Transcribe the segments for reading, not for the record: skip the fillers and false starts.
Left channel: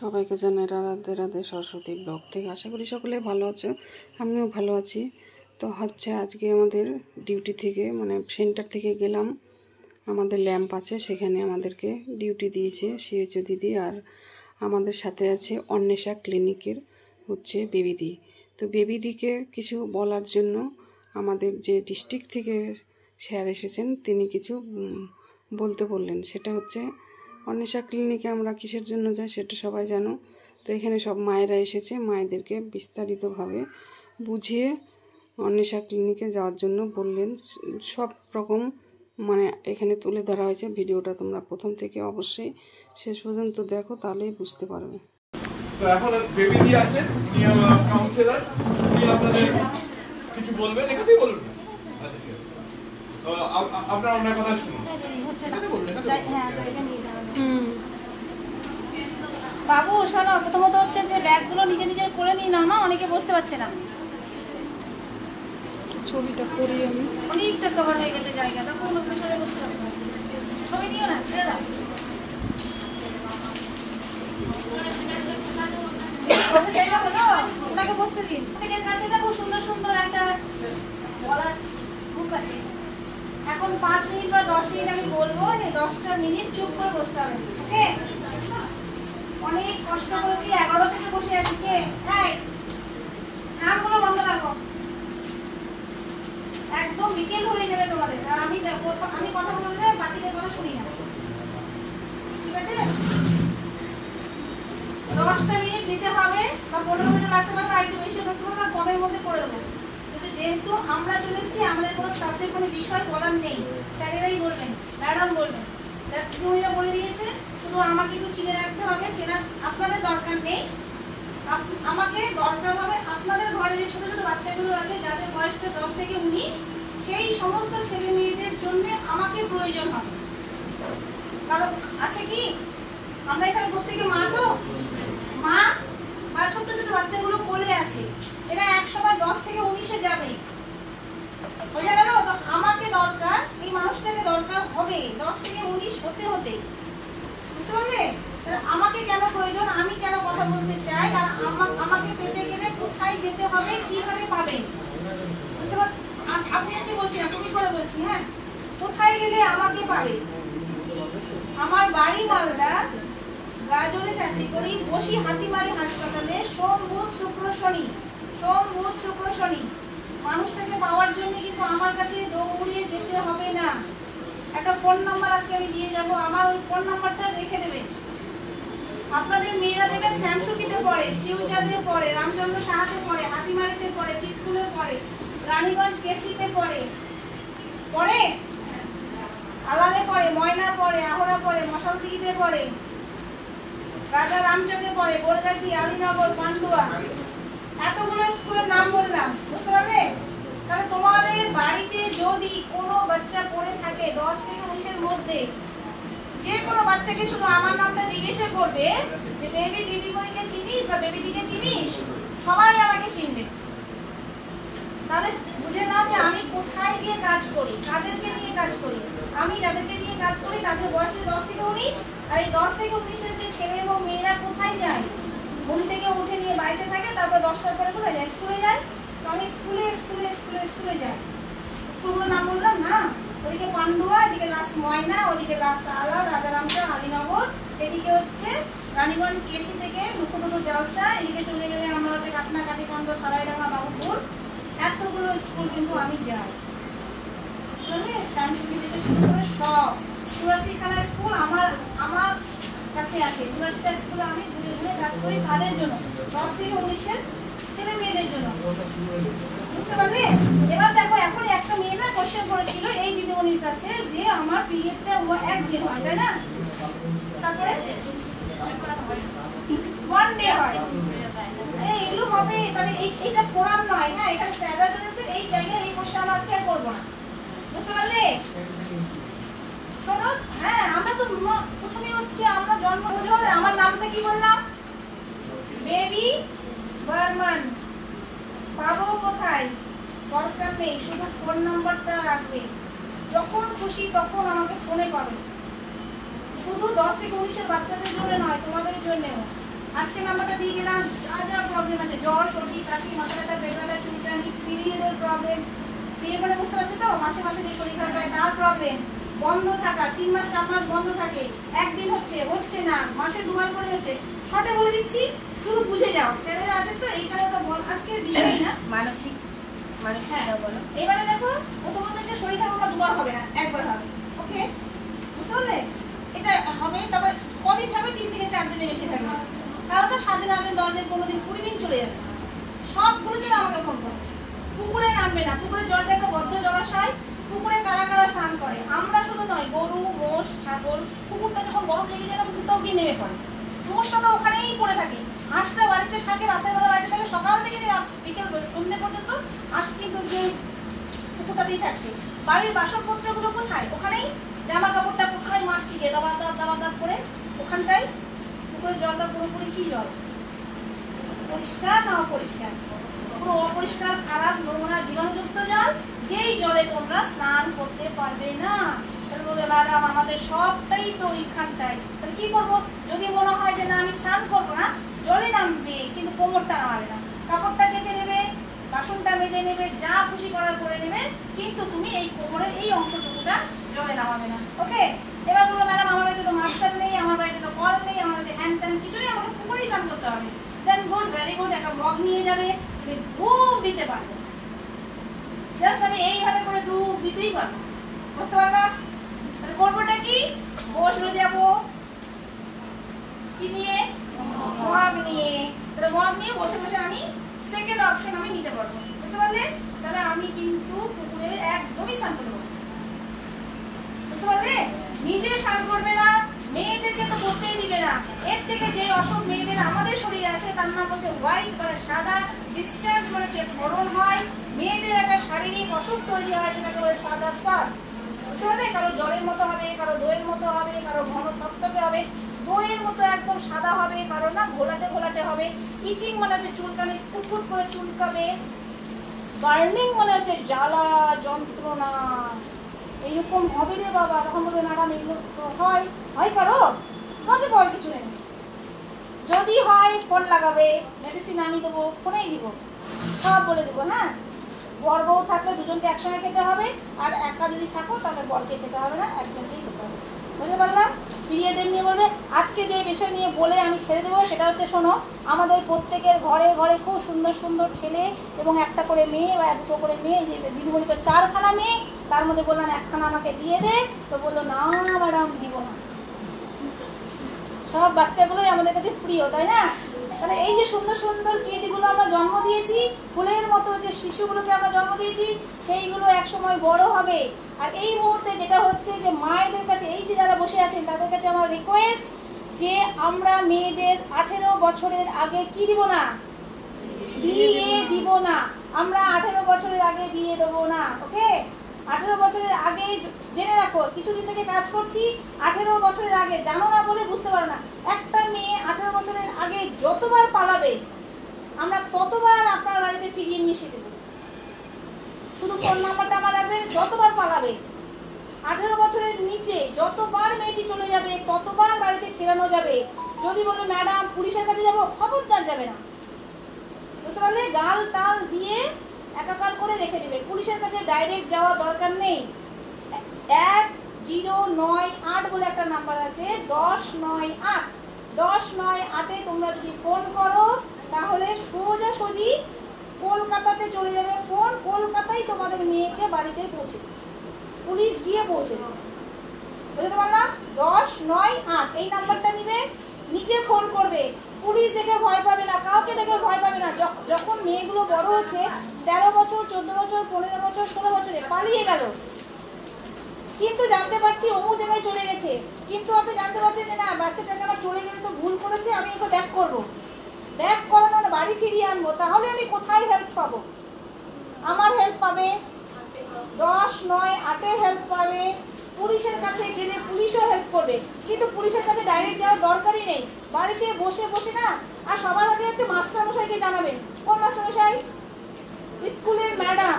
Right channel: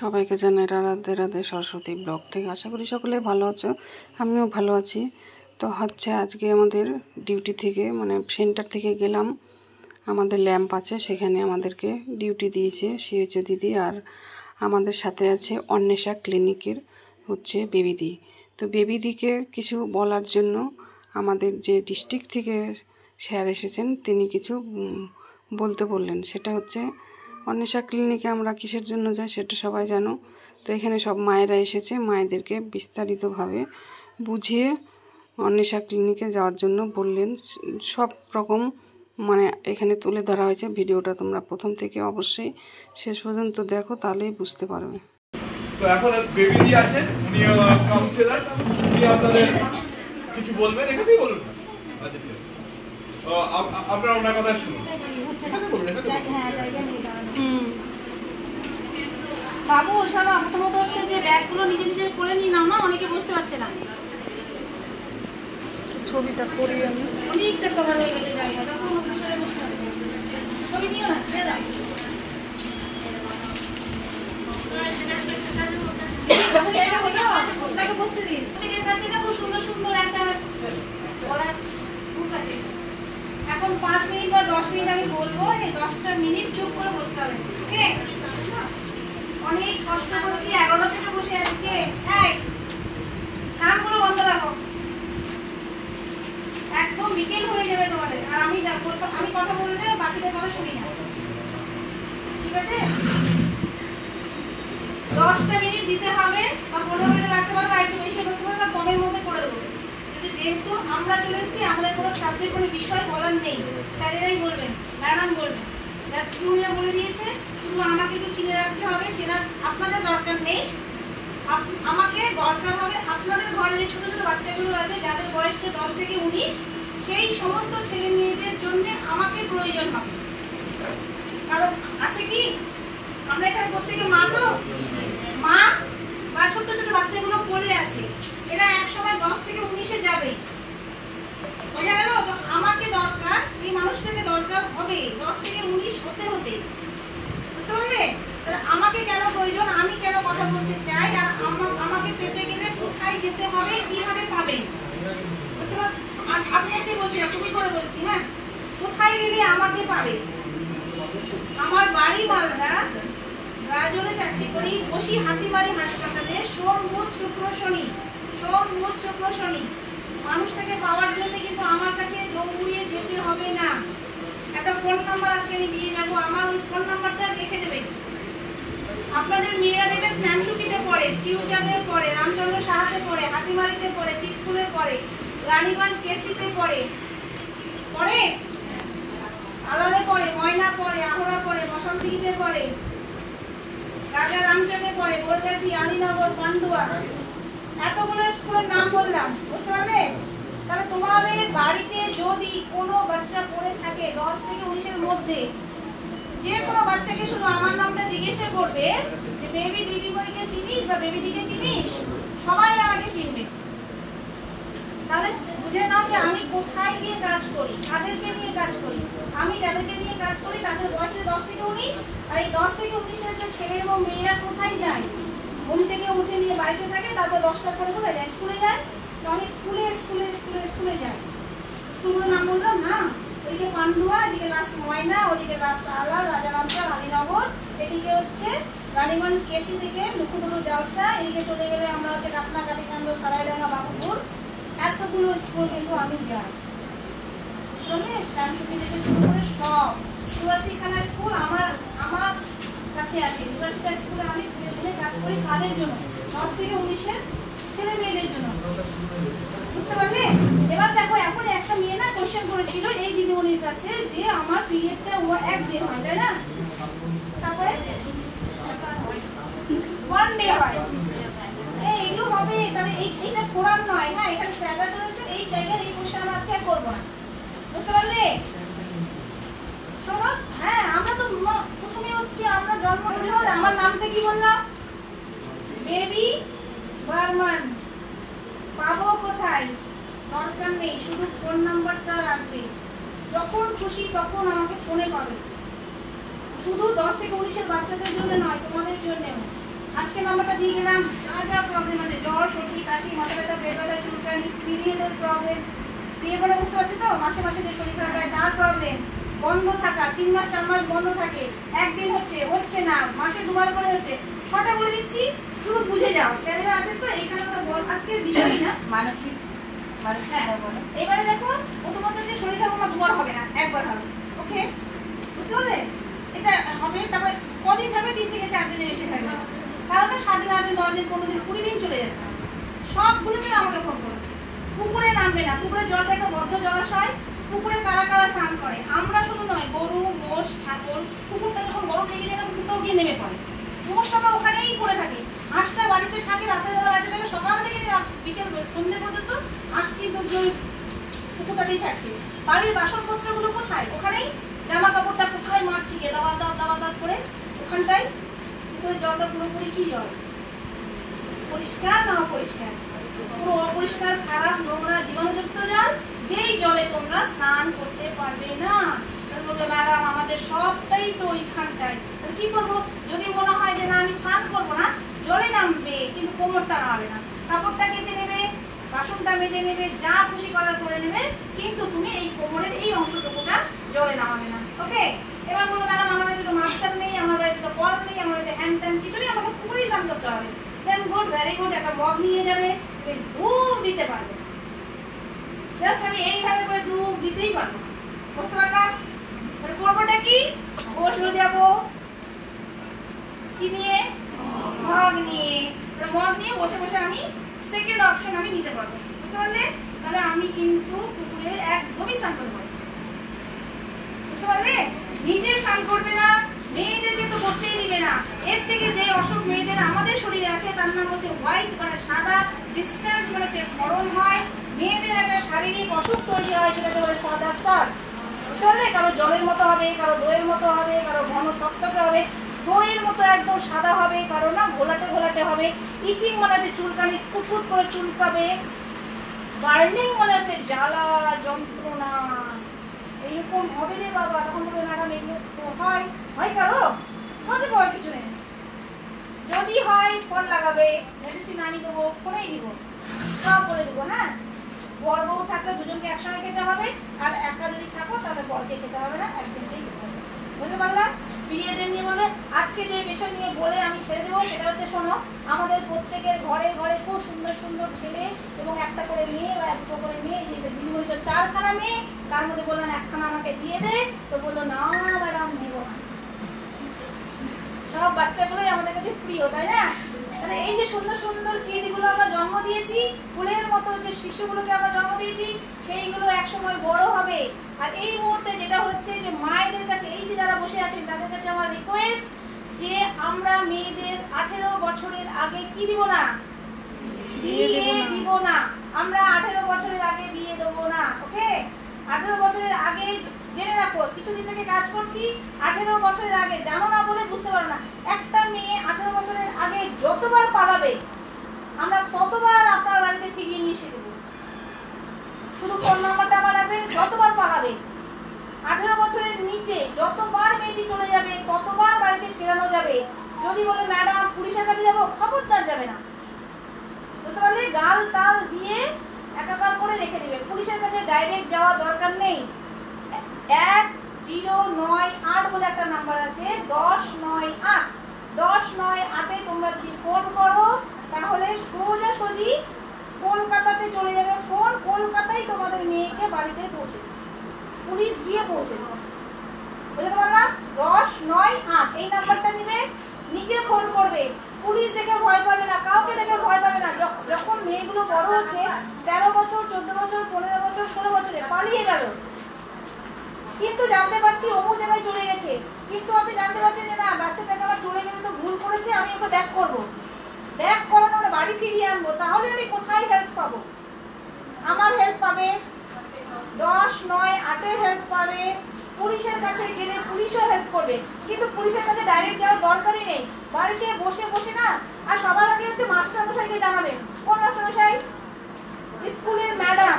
সবাইকে জানাই রাধে রাধে সরস্বতী ব্লগ থেকে। আশা করি সকলে ভালো আছো, আমিও ভালো আছি। তো আজকে আমাদের ডিউটি থেকে সেন্টার থেকে গেলাম, আমাদের ল্যাম্প আছে সেখানে আমাদেরকে ডিউটি দিয়েছে সিএইচও দিদি, আর আমাদের সাথে আছে অন্বেষা ক্লিনিকের বেবিদি। তো বেবিদিকে কিছু বলার জন্য আমাদের যে ডিস্ট্রিক্ট থেকে স্যার এসেছেন তিনি কিছু বলতে বললেন। সেটা অন্বেষা ক্লিনিকে আমরা কিসের জন্য যাই সেটা সবাই জানো। তো এখানে সব মায়েরা এসেছে, মায়েদেরকে বিস্তারিতভাবে বুঝিয়ে অন্বেষা ক্লিনিকে যাওয়ার জন্য বললেন। সব রকম এখানে তুলে ধরা হয়েছে। ভিডিওটা তোমরা প্রথম থেকে অবশ্যই শেষ পর্যন্ত দেখো, তাহলেই বুঝতে পারবে। তো এখন বেবিজি আছেন, উনি কাউন্সিলর, উনি আপনাদের কিছু বলবেন, এখানেই বলুন। আচ্ছা ঠিক আছে, আপনারা ওনার কথা শুনুন। বাবু শোনো, প্রথমত যে ল্যাবগুলো নিজে নিজে করে নিই না, অনেকে বুঝতে পারছে না। ছবিটা করি আমি, অনেকটা কভার হয়ে গেছে জায়গাটা, কোনো বিষয়ে বুঝতে পারছে না। ছবি নিও না, ছেড়ে দাও। জায়গা হলো আপনাকে বসতে দিন। প্রত্যেকের কাছে না খুব সুন্দর সুন্দর একটা বলার মুখ আছে। এখন 5 মিনিট বা 10 মিনিট আমি বলবো, এই 10টা মিনিট চুপ করে বসতে হবে। ঠিক আছে? অনেক কষ্ট করেছি, 11 থেকে বসে আছি। কে কানগুলো বন্ধ রাখো, একদম বিকেল হয়ে যাবে তোমাদের। আর আমি কথা বললে বাকিদের কথা শুনি না, ঠিক আছে? 10টা মিনিট দিতে হবে, বা 15 মিনিট লাগতে পারে, বা একটু বেশি করতে পারে, বা কমের মধ্যে করে দেবো। কিন্তু যেহেতু আমরা চলে এসেছি, আমাদের কোনো সাবজেক্ট কোনো বিষয় বলার নেই, স্যারেরাই বলবেন, ম্যাডাম বলবেন। উনিরা বলে দিয়েছে, শুধু আমাকে একটু চিনে রাখতে হবে। চেনার আপনাদের দরকার নেই, আমাকে দরকার হবে আপনাদের ঘরে যে ছোট ছোট বাচ্চাগুলো আছে যাদের বয়স 10 থেকে 19, সেই সমস্ত ছেলে মেয়েদের জন্য আমাকে প্রয়োজন হবে। কারণ আছে কি, আমরা এখানে প্রত্যেকে মা, তো মা বা ছোট ছোট বাচ্চাগুলো কোলে আছে, এরা এক সময় 10 থেকে 19-এ যাবে, বোঝা গেল? তো আমাকে দরকার, এই মানুষটাকে দরকার হবে 10 থেকে 19 হতে হতে, বুঝতে পারলে? আমাকে কেন প্রয়োজন, আমি কেন কথা বলতে চাই, আর আমাকে পেতে গেলে কোথায় যেতে হবে, কিভাবে পাবেন, বুঝতে পারলেন? আপনি একটু বলছি না, তুমি করে বলছি। হ্যাঁ, কোথায় গেলে আমাকে পাবে? আমার বাড়ি মালদা, গাজলে চাকরি করি, বসি হাতিমারি হাসপাতালে, সোম বুধ শুক্র শনি, সোম বুধ শুক্র শনি। মানুষটাকে পাওয়ার জন্য কিন্তু আমার কাছে দৌড়িয়ে যেতে হবে না। একটা ফোন নাম্বার আজকে আমি দিয়ে যাবো, আমার ওই ফোন নাম্বারটা রেখে দেবেন। আপনাদের মেয়েরা দেখবেন শ্যামসুকিতে পড়ে, শিউচাঁদে পড়ে, রামচন্দ্র সাহাতে পড়ে, হাতিমারিতে পড়ে, চিটকুলে পড়ে, রানীগঞ্জ কেসিতে পড়ে, আলালে পড়ে, ময়না পড়ে, আহরা পড়ে, বসন্তিতে পড়ে, রাজা রামচকে পড়ে, গোলগাছি, আলীনগর, পান্ডুয়া, এতগুলো স্কুলের নাম বললাম, বুঝতে পারবে? তাহলে তোমাদের বাড়িতে যদি কোনো বাচ্চা পড়ে থাকে 10 থেকে 19-এর মধ্যে, যে কোনো বাচ্চাকে শুধু আমার নামটা জিজ্ঞেস করবে যে বেবি দিদিমণিকে চিনিস বা বেবিদিকে চিনিস, সবাই আমাকে চিনবে। তাহলে বুঝে নাও যে আমি কোথায় গিয়ে কাজ করি, কাদেরকে নিয়ে কাজ করি। আমি যাদেরকে নিয়ে কাজ করি তাদের বয়স 10 থেকে 19, আর এই 10 থেকে 19-এর যে ছেলে এবং মেয়েরা কোথায় যায়, ঘুম থেকে উঠে নিয়ে বাড়িতে থাকে, তারপর 10টার পরে কোথায় যায়, স্কুলে যায়। তো আমি স্কুলে স্কুলে স্কুলে স্কুলে যাই। স্কুলগুলোর নাম বললাম না, ওইদিকে পান্ডুয়া, এদিকে লাস্ট ময়না, ওইদিকে লাস্ট আলা, রাজারামচাঁদ, আলীনগর, এদিকে রানীগঞ্জ কেসি থেকে মুখুটুকু জালসা, এদিকে চলে গেলে আমরা কাটনা, কাটিকান্দ, সারাইডাঙ্গা, বাবুপুর, এতগুলো স্কুল কিন্তু আমি যাই। শ্যামসুকি থেকে শুরু করে সব 84খানা স্কুল আমার কাছে আছে। 84টা স্কুলে আমি ঘুরে ঘুরে কাজ করি, কাদের জন্য? 10 থেকে 19-এর ছেলে মেয়েদের জন্য, বুঝতে পারলে? এবার দেখো, এখন একটা মেয়ে না কোয়েশ্চেন করেছিল এই দিদিমণির কাছে যে আমার পিরিয়ডটা 1 দিন হয়, তাই না? তারপরে 1 ডে হয়, এইগুলো হবে। তাহলে এইটা কোরআন নয়। হ্যাঁ, এখানে স্যাররা চলেছে, এই জায়গায় এই কোয়েশ্চেন আমরা আজকে করবো না, বুঝতে পারলে? শোনো, হ্যাঁ, আমরা তো প্রথমে আমরা জন্ম, আমার নামটা কি বললাম? বেবি বর্মন। পাবো কোথায়? দরকার নেই, শুধু ফোন নাম্বারটা রাখবে, যখন খুশি তখন আমাকে ফোনে পাবে। শুধু 10 থেকে 19-এর বাচ্চাদের জন্য নয়, তোমাদের জন্য। আজকে নাম্বারটা দিয়ে গেলাম। যা যা প্রবলেম আছে, জ্বর, সর্দি, কাশি, মাথা ব্যথা, পেট ব্যথা, চুলকানি, পিরিয়ডের প্রবলেম, বিয়ে করে বুঝতে পারছি তো, মাসে মাসে যে শরীর খারাপ হয় তার প্রবলেম, বন্ধ থাকা, 3 মাস 4 মাস বন্ধ থাকে, একদিন হচ্ছে না, মাসে 2 বার করে হচ্ছে, শর্টে বলে দিচ্ছি, শুধু বুঝে যাও। স্যারেরা আছে তো এইখানে ওটা বল, আজকের বিষয় না, মানসিক। হ্যাঁ, এবারে দেখো ও তোমাদের যে শরীর খারাপ না 2 বার হবে না, 1 বার হবে। ওকে, বুঝতে পারলে? এটা হবে। তারপর কদিন থাকবে? 3 থেকে 4 দিনের বেশি থাকবে। কারণ তো 7 দিন, 8 দিন, 10 দিন, 15 দিন, 20 দিন চলে যাচ্ছে। সবগুলো জন্য আমাকে ফোন করো। পুকুরে নামবে না, পুকুরের জলটা একটা বদ্ধ জলাশয়, পুকুরে কারা কারা স্নান করে? আমরা শুধু নয়, গরু, মোষ, ছাগল। পুকুরটা যখন গরম লেগে যায় না, পুকুরটাও গিয়ে নেমে পড়ে। মোষটা তো ওখানেই পড়ে থাকে, হাঁসটা বাড়িতে থাকে, রাতের বেলা বাড়িতে থাকে, সকাল থেকে বিকেল সন্ধ্যে পর্যন্ত হাঁস কিন্তু পুকুরটাতেই থাকছে। বাড়ির বাসনপত্রগুলো কোথায়? ওখানেই। জামা কাপড়টা কোথায়? মারছি গিয়ে দাওয়া দাওয়া করে ওখানটাই। পুকুরের জলটা পুরোপুরি কি জল? পরিষ্কার না অপরিষ্কার? পুরো অপরিষ্কার, খারাপ, নোংরা, জীবাণুযুক্ত জল, যেই জলে তোমরা স্নান করতে পারবে না। ম্যাডাম আমাদের সবটাই তো ওইখানটায়, তাহলে কি করবো? যদি মনে হয় যে না আমি স্নান করবো না, জলে নামবে কিন্তু কোমরটা নামাবে না, কাপড়টা কেচে নেবে, বাসনটা মেজে নেবে, যা খুশি করার করে নেবে, কিন্তু তুমি এই কোমরের এই অংশটুকুটা জলে নামাবে না। ওকে? এবার বলবো ম্যাডাম আমার বাড়িতে তো মাস্টার নেই, আমার বাড়িতে তো কল নেই, আমার বাড়িতে হ্যান্ড ট্যান কিছু নেই, আমাকে পুকুরেই স্নান করতে হবে। দেন গুড, ভেরি গুড, একটা মগ নিয়ে যাবে, ডুব দিতে পারবে। জাস্ট আমি এইভাবে করে ডুব দিতেই পারবো। বুঝতে পারলাম? তাহলে করবোটা কি? বসে যাবো কি নিয়ে? মগ নিয়ে। তাহলে মগ নিয়ে বসে বসে আমি সেকেন্ড অপশন আমি নিতে পারবো। বুঝতে পারলে? তাহলে আমি কিন্তু পুকুরে একদমই স্নান করবো। বুঝতে পারলে? নিজে স্নান করবে না, মেয়েদেরকে তো করতেই দিবে না। এর থেকে যে অসুখ মেয়েদের আমাদের শরীরে আসে তার নাম হচ্ছে হোয়াইট, মানে সাদা, ডিসচার্জ মানে হচ্ছে গরম হয়, মেয়েদের একটা শারীরিক অসুখ তৈরি হয়, সেটাকে বলে সাদা সার। বুঝতে পারলে? কারো জলের মতো হবে, কারো দইয়ের মতো হবে, কারো ঘন থকথকে হবে, দইয়ের মতো একদম সাদা হবে, কারো না ঘোলাটে ঘোলাটে হবে, ইচিং মানে হচ্ছে চুলকানি, ফুটফুট করে চুলকাবে, বার্নিং মানে হচ্ছে জ্বালা যন্ত্রণা, এইরকম হবে রে বাবা। তখন বলবে ম্যাডাম এগুলো তো হয় কারো? মাঝে পর কিছু নেই, যদি হয় ফোন লাগাবে, মেডিসিন আমি দেবো, ফোনেই দিব, সব বলে দেবো। হ্যাঁ, বর বউ থাকলে দুজনকে একসঙ্গে খেতে হবে, আর একা যদি থাকো তাহলে বরকে খেতে হবে না, একজনকেই খেতে হবে। বুঝতে পারলাম? পিরিয়ডের নিয়ে বলবে। আজকে যে বিষয় নিয়ে বলে আমি ছেড়ে দেবো সেটা হচ্ছে, শোনো, আমাদের প্রত্যেকের ঘরে ঘরে খুব সুন্দর সুন্দর ছেলে এবং একটা করে মেয়ে বা 2টো করে মেয়ে। যে দিদিমণি তো 4খানা মেয়ে, তার মধ্যে বললাম 1খানা আমাকে দিয়ে দে, তো বললো না ম্যাডাম দিব না। সব বাচ্চাগুলোই আমাদের কাছে প্রিয়, তাই না? তাহলে এই যে সুন্দর সুন্দর কিডগুলো আমরা জন্ম দিয়েছি, ফুলের মতো যে শিশুগুলোকে আমরা জন্ম দিয়েছি, সেইগুলো একসময় বড় হবে। আর এই মুহূর্তে যেটা হচ্ছে যে মায়েদের কাছে, এই যে যারা বসে আছেন তাদের কাছে আমার রিকোয়েস্ট যে আমরা মেয়েদের 18 বছরের আগে কি দিব না? বিয়ে দিব না। আমরা 18 বছরের আগে বিয়ে দেবো না। ওকে? 18 বছরের আগে জেনে রাখো, কিছুদিন থেকে কাজ করছি, 18 বছরের আগে, জানো না বলে বুঝতে পারো না, একটা মেয়ে 18 বছরের আগে যতবার পালাবে আমরা ততবার আপনার বাড়িতে ফিরিয়ে নিয়ে এসে দেবো। শুধু ফোন নাম্বারটা আমার রাখবেন, যতবার পালাবে। 18 বছরের নিচে যতবার মেয়েটি চলে যাবে ততবার বাড়িতে ফেরানো যাবে। যদি বলে ম্যাডাম পুলিশের কাছে যাবো, খবরদার যাবে না। বুঝতে পারলে? গাল তাল দিয়ে একাকার করে রেখে দেবে। পুলিশের কাছে ডাইরেক্ট যাওয়া দরকার নেই। 1098 বলে একটা নাম্বার আছে, 1098। 1098-এ তোমরা যদি ফোন করো তাহলে সোজাসুজি কলকাতাতে চলে যাবে ফোন, কলকাতায় তোমাদের মেয়েকে বাড়িতে পৌঁছে দেবে, পুলিশ গিয়ে পৌঁছে দেবে। বুঝতে পারলাম? 1098 এই নাম্বারটা নিবে, নিজে ফোন করবে। পুলিশ দেখে ভয় পাবে না, কাউকে দেখে ভয় পাবে না। যখন মেয়েগুলো বড় হচ্ছে, 13 বছর, 14 বছর, 15 বছর, 16 বছরে পালিয়ে গেল, কিন্তু জানতে পারছি অমুক জায়গায় চলে গেছে, কিন্তু আপনি জানতে পারছেন যে না বাচ্চাটাকে আমার চলে গেলে তো ভুল করেছে, আমি ওকে ব্যাক করবো, ব্যাক করানো না বাড়ি ফিরিয়ে আনবো, তাহলে আমি কোথায় হেল্প পাবো? আমার হেল্প পাবে, 1098-এর হেল্প পাবে। পুলিশের কাছে গেলে পুলিশও হেল্প করবে, কিন্তু পুলিশের কাছে ডাইরেক্ট যাওয়ার দরকারই নেই। বাড়িতে বসে বসে না, আর সবার আগে হচ্ছে মাস্টারমশাইকে জানাবেন। কোন মাস্টারমশাই? স্কুলের ম্যাডাম,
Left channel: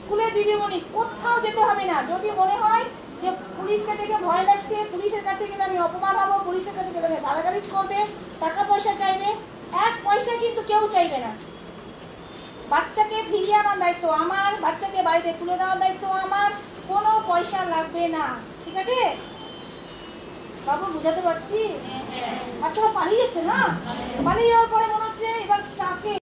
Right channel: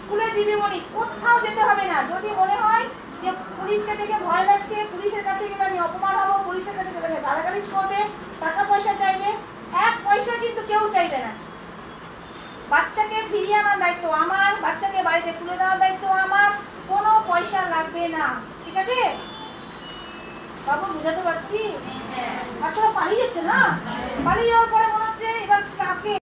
স্কুলের দিদিমণি, কোথাও যেতে হবে না। যদি মনে হয় যে পুলিশকে দেখে ভয় লাগছে, পুলিশের কাছে গেলে আমি অপমান হবো, পুলিশের কাছে গেলে গালাগালিজ করবে, টাকা পয়সা চাইবে, চাইবে না। বাচ্চাকে ফিরিয়ে আনার দায়িত্ব আমার, বাচ্চাকে বাড়িতে তুলে দেওয়ার দায়িত্ব আমার, কোনো পয়সা লাগবে না, ঠিক আছে? বাবু বুঝাতে পারছি? বাচ্চারা পালিয়ে যাচ্ছে না, পালিয়ে যাওয়ার পরে মনে